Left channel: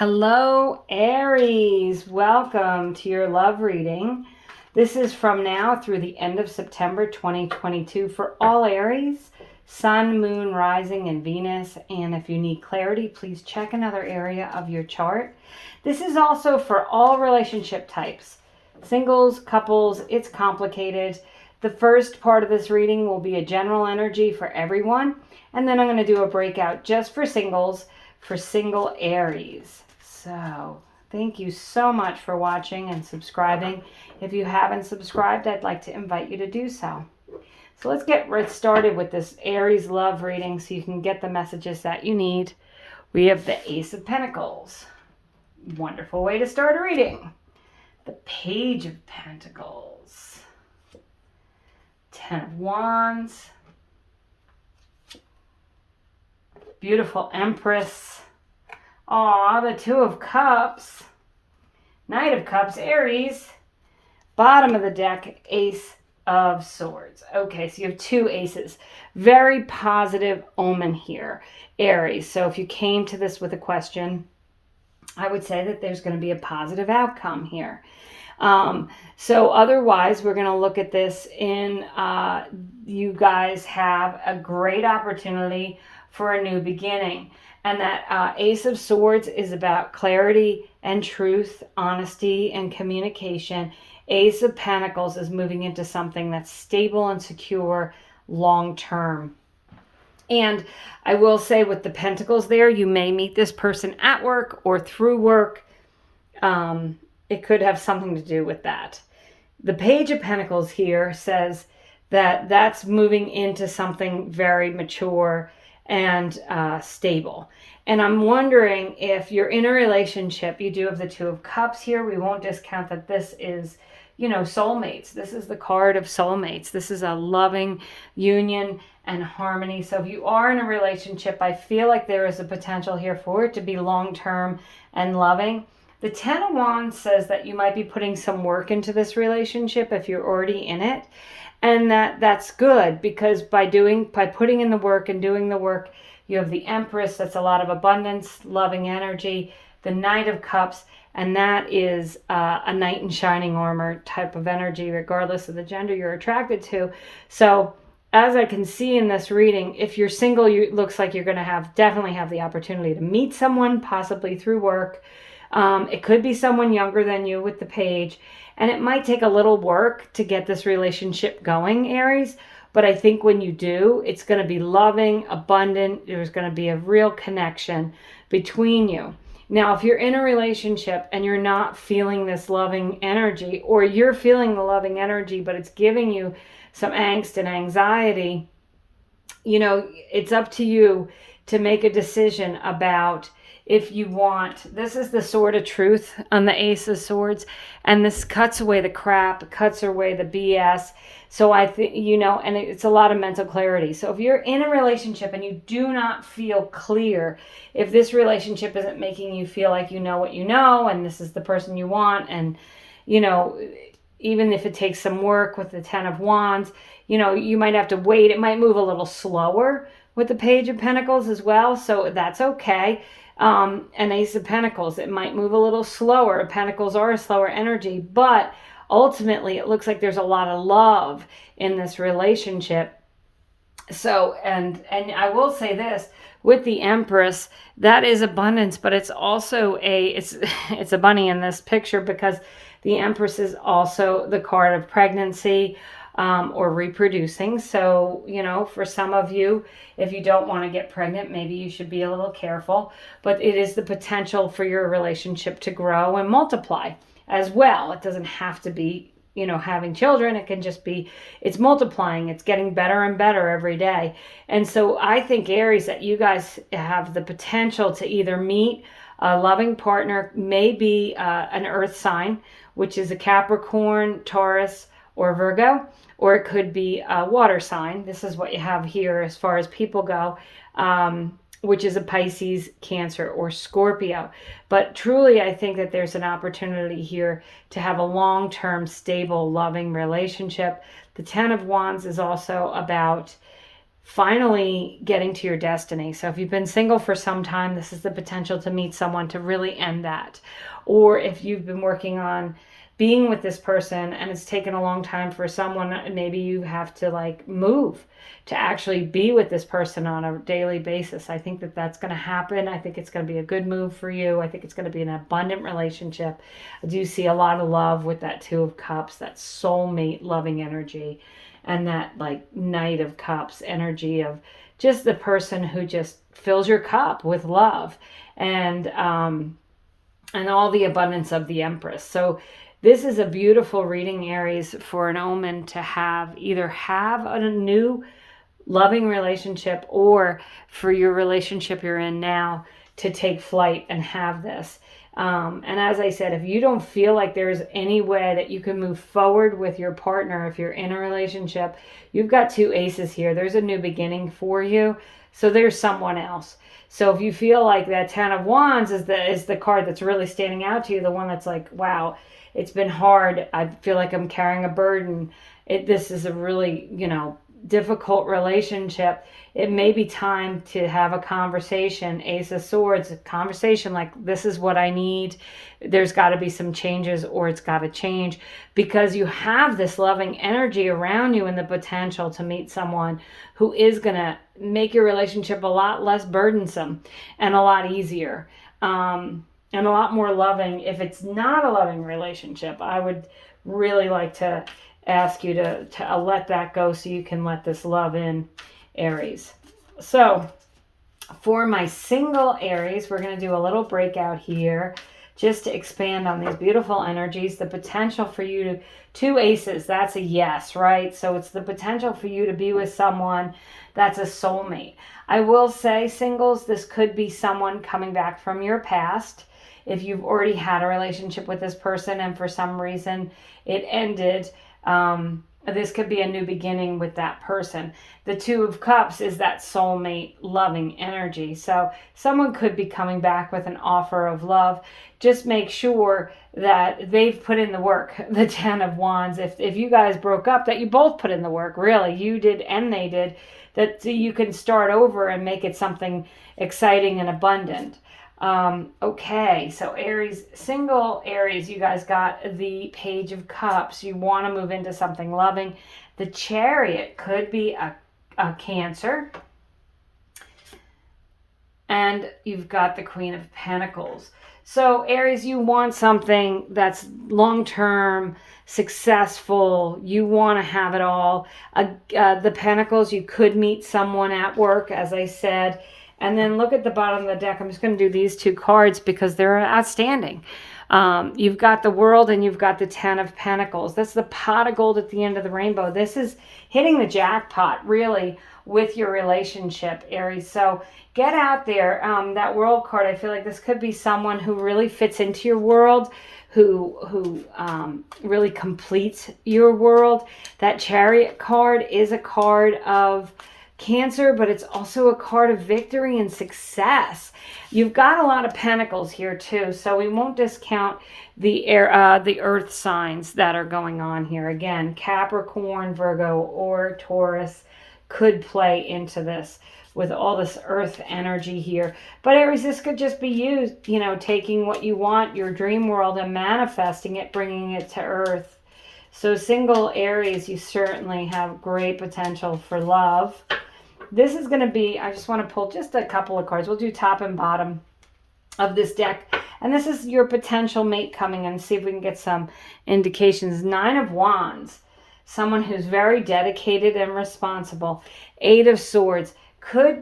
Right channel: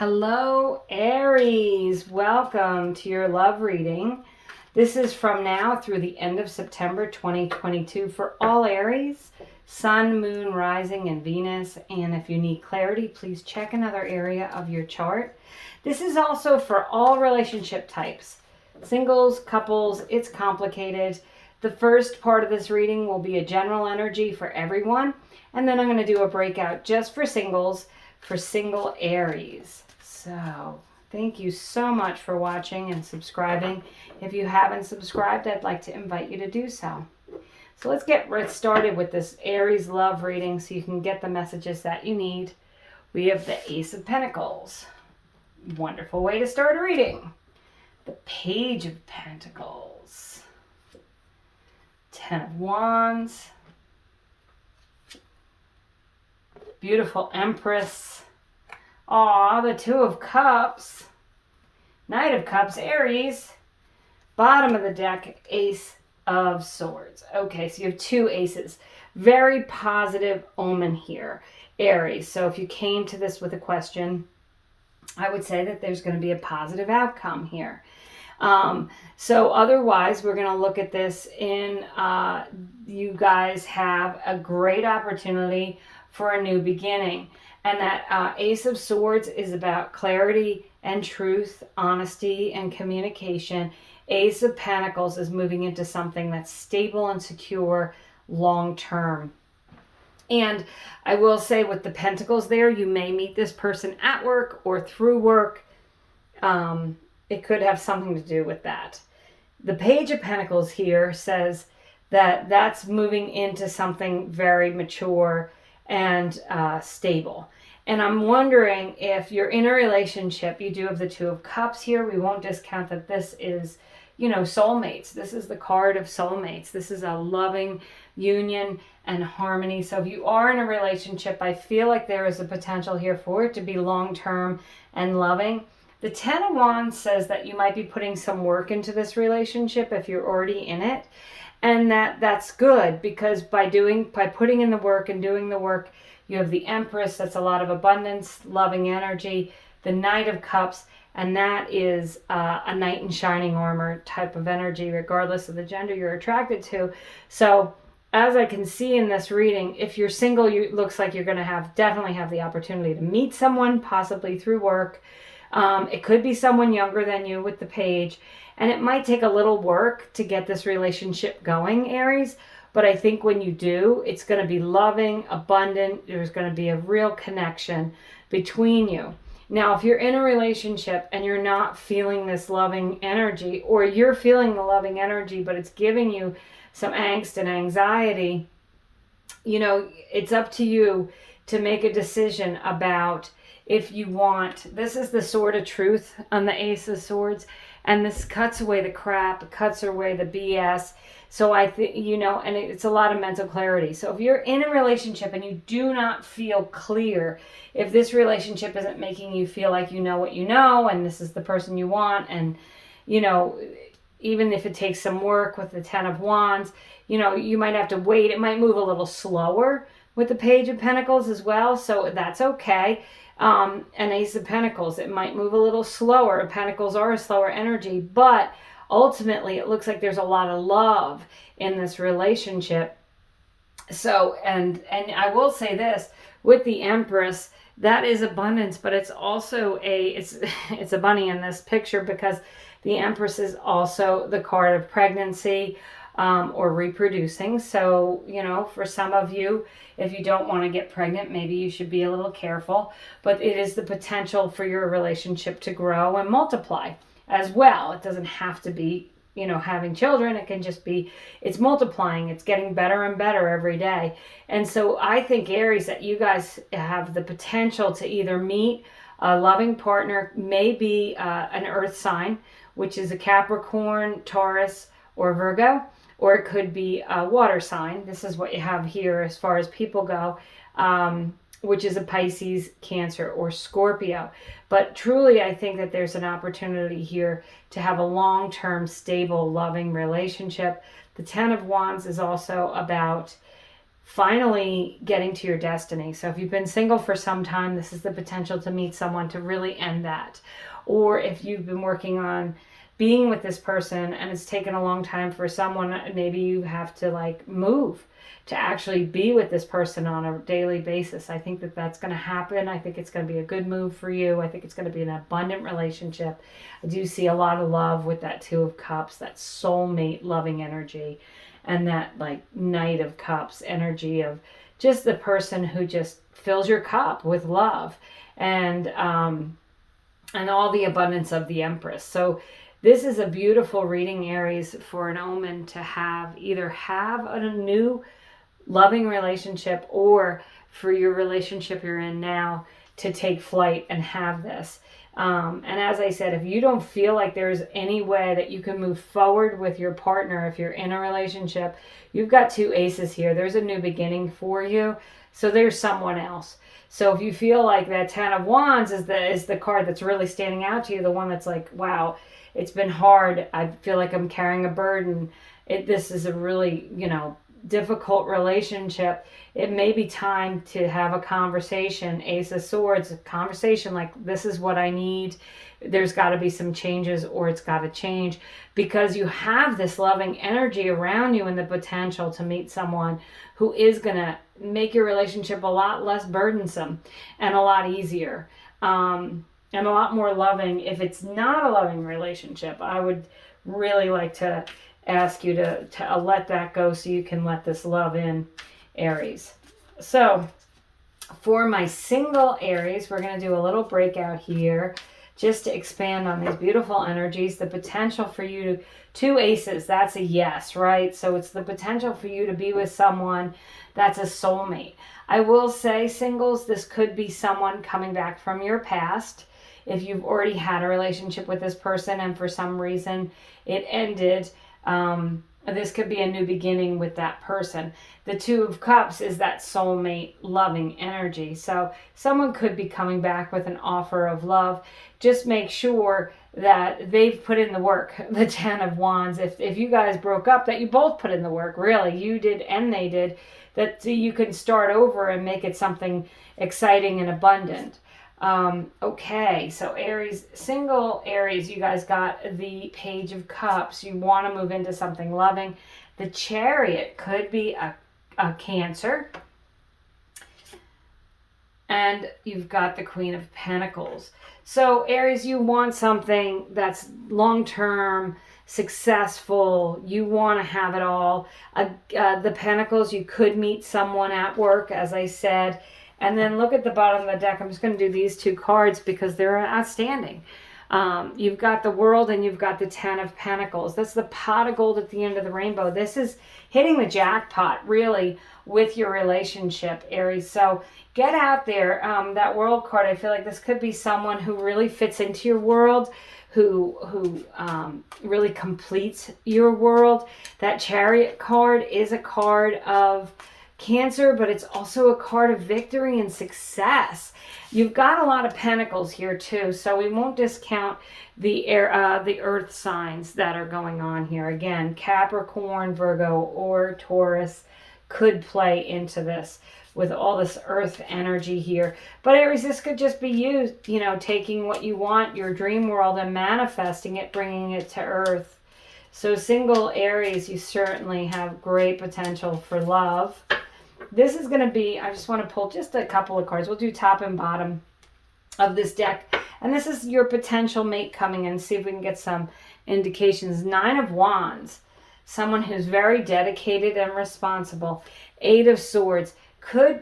Hello, Aries. Welcome to your love reading. This is from now through the end of September 2022 for all Aries, Sun, Moon, Rising, and Venus. And if you need clarity, please check another area of your chart. This is also for all relationship types. Singles, couples, it's complicated. The first part of this reading will be a general energy for everyone. And then I'm going to do a breakout just for singles, for single Aries. So thank you so much for watching and subscribing. If you haven't subscribed, I'd like to invite you to do so. So let's get started with this Aries love reading so you can get the messages that you need. We have the Ace of Pentacles. Wonderful way to start a reading. The Page of Pentacles. Ten of Wands. Beautiful Empress. Aw, the Two of Cups. Knight of Cups, Aries. Bottom of the deck, Ace of Swords. Okay, so you have two aces. Very positive omen here, Aries. So if you came to this with a question, I would say that there's going to be a positive outcome here. So otherwise, we're going to look at this in, you guys have a great opportunity for a new beginning. And that Ace of Swords is about clarity and truth, honesty and communication. Ace of Pentacles is moving into something that's stable and secure long term. And I will say with the Pentacles there, you may meet this person at work or through work. It could have something to do with that. The Page of Pentacles here says that that's moving into something very mature and stable. And I'm wondering if you're in a relationship, you do have the Two of Cups here. We won't discount that this is, soulmates. This is the card of soulmates. This is a loving union and harmony. So if you are in a relationship, I feel like there is a potential here for it to be long-term and loving. The Ten of Wands says that you might be putting some work into this relationship if you're already in it. And that's good because by putting in the work and doing the work, you have the Empress, that's a lot of abundance, loving energy, the Knight of Cups, and that is a knight in shining armor type of energy, regardless of the gender you're attracted to. So as I can see in this reading, if you're single, it looks like you're going to definitely have the opportunity to meet someone, possibly through work. It could be someone younger than you with the Page. And it might take a little work to get this relationship going, Aries. But I think when you do, it's going to be loving, abundant. There's going to be a real connection between you. Now, if you're in a relationship and you're not feeling this loving energy, or you're feeling the loving energy, but it's giving you some angst and anxiety, it's up to you to make a decision about if you want. This is the Sword of Truth on the Ace of Swords, and this cuts away the crap, cuts away the BS. So I think, and it's a lot of mental clarity. So if you're in a relationship and you do not feel clear, if this relationship isn't making you feel like you know what you know, and this is the person you want, and, even if it takes some work with the Ten of Wands, you might have to wait. It might move a little slower with the Page of Pentacles as well. So that's okay. And Ace of Pentacles, it might move a little slower. Pentacles are a slower energy, but ultimately it looks like there's a lot of love in this relationship. So, and I will say this, with the Empress, that is abundance, but it's also it's a bunny in this picture because the Empress is also the card of pregnancy, or reproducing. So, for some of you, if you don't want to get pregnant, maybe you should be a little careful. But it is the potential for your relationship to grow and multiply as well. It doesn't have to be, having children. It can just be, it's multiplying. It's getting better and better every day. And so I think, Aries, that you guys have the potential to either meet a loving partner, maybe an earth sign, which is a Capricorn, Taurus, or Virgo, or it could be a water sign. This is what you have here as far as people go, which is a Pisces, Cancer, or Scorpio. But truly, I think that there's an opportunity here to have a long-term, stable, loving relationship. The Ten of Wands is also about finally getting to your destiny. So if you've been single for some time, this is the potential to meet someone to really end that. Or if you've been working on being with this person and it's taken a long time for someone, maybe you have to like move to actually be with this person on a daily basis. I think that that's going to happen. I think it's going to be a good move for you. I think it's going to be an abundant relationship. I do see a lot of love with that Two of Cups, that soulmate loving energy, and that like Knight of Cups energy of just the person who just fills your cup with love and all the abundance of the Empress. So this is a beautiful reading, Aries, for an omen to have, either have a new loving relationship or for your relationship you're in now to take flight and have this. And as I said, if you don't feel like there's any way that you can move forward with your partner, if you're in a relationship, you've got two aces here. There's a new beginning for you. So there's someone else. So if you feel like that Ten of Wands is the card that's really standing out to you, the one that's like, wow, it's been hard. I feel like I'm carrying a burden. This is a really, difficult relationship. It may be time to have a conversation. Ace of Swords, a conversation like, this is what I need. There's got to be some changes, or it's got to change, because you have this loving energy around you and the potential to meet someone who is going to make your relationship a lot less burdensome and a lot easier. And a lot more loving. If it's not a loving relationship, I would really like to ask you to let that go so you can let this love in, Aries. So for my single Aries, we're going to do a little breakout here just to expand on these beautiful energies. The potential for you to, two aces, that's a yes, right? So it's the potential for you to be with someone that's a soulmate. I will say, singles, this could be someone coming back from your past. If you've already had a relationship with this person and for some reason it ended, this could be a new beginning with that person. The Two of Cups is that soulmate loving energy. So someone could be coming back with an offer of love. Just make sure that they've put in the work. The Ten of Wands, if you guys broke up, that you both put in the work. Really, you did and they did. That you can start over and make it something exciting and abundant. Okay, so Aries, single Aries, you guys got the Page of Cups. You want to move into something loving. The Chariot could be a Cancer. And you've got the Queen of Pentacles. So Aries, you want something that's long-term, successful. You want to have it all. The Pentacles, you could meet someone at work, as I said. And then look at the bottom of the deck. I'm just going to do these two cards because they're outstanding. You've got the World and you've got the Ten of Pentacles. That's the pot of gold at the end of the rainbow. This is hitting the jackpot, really, with your relationship, Aries. So get out there. That World card, I feel like this could be someone who really fits into your world, who really completes your world. That Chariot card is a card of Cancer, but it's also a card of victory and success. You've got a lot of pentacles here too, so we won't discount the earth signs that are going on here. Again, Capricorn, Virgo, or Taurus could play into this with all this earth energy here. But Aries, this could just be you, taking what you want, your dream world, and manifesting it, bringing it to earth. So single Aries, you certainly have great potential for love. This is going to be, I just want to pull just a couple of cards. We'll do top and bottom of this deck. And this is your potential mate coming in. See if we can get some indications. Nine of Wands. Someone who's very dedicated and responsible. Eight of Swords.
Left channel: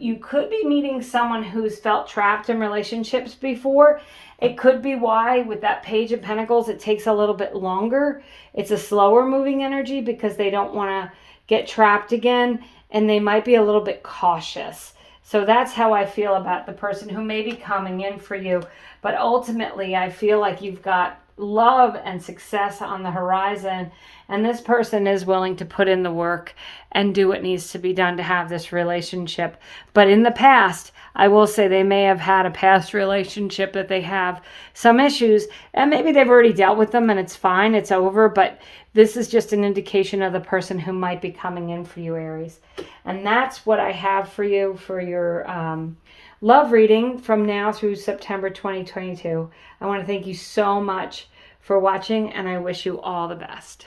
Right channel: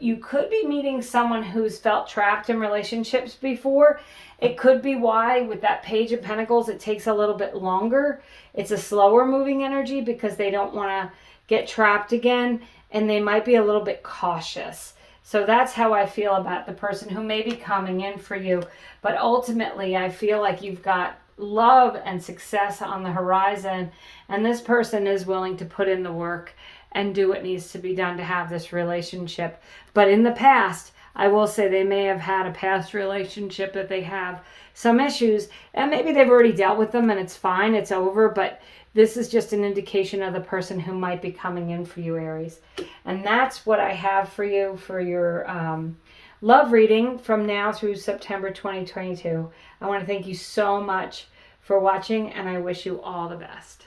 You could be meeting someone who's felt trapped in relationships before. It could be why with that Page of Pentacles it takes a little bit longer. It's a slower moving energy because they don't want to get trapped again. And they might be a little bit cautious. So that's how I feel about the person who may be coming in for you. But ultimately, I feel like you've got love and success on the horizon. And this person is willing to put in the work and do what needs to be done to have this relationship. But in the past, I will say they may have had a past relationship that they have some issues, and maybe they've already dealt with them and it's fine, it's over, but this is just an indication of the person who might be coming in for you, Aries. And that's what I have for you for your love reading from now through September 2022. I want to thank you so much for watching, and I wish you all the best.